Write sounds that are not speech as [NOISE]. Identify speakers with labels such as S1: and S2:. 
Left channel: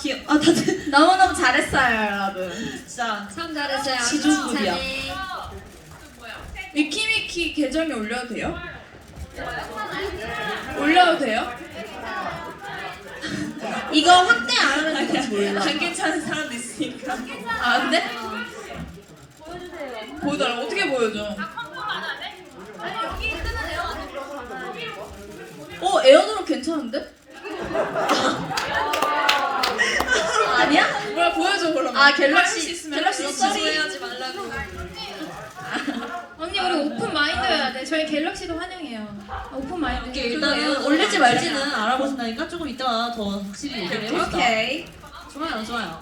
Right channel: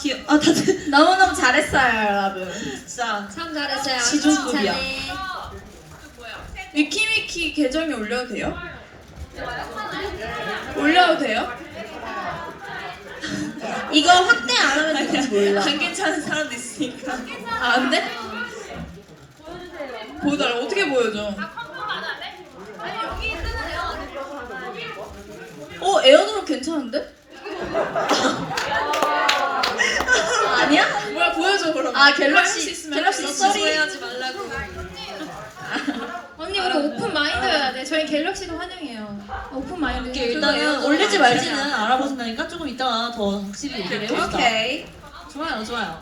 S1: 귀여워. 아, 다들 너무너무 잘했어요, 여러분.
S2: 자, 참 잘했어요.
S1: 지존급이야. 위키위키 계정에 올려도 돼요? 네, 호... 네, 호... 네, 올려도 돼요? 네. [LAUGHS] [LAUGHS] 이거 네, 확대 안 하는 건지 몰라.
S3: 안 [LAUGHS] 괜찮은 사람도 있으니까.
S1: 아, 네, 보여주세요. 보이더라고, 뭐, 뭐, 안, 안 돼? 보여달라. 어떻게 보여줘? 어에어드 괜찮은데? 아 갤럭시 갤럭시 지지해야지 말라고 [LAUGHS]
S2: 언니 우리 오픈 마인드여야 아, 돼 저희 갤럭시도 환영해요 오픈 마인드
S1: 오케이 일단은 올릴지 말지는 아, 알아보신다니까 조금 이따가 더 확실히 얘기를
S2: 해봅 오케이. 오케이
S1: 좋아요 좋아요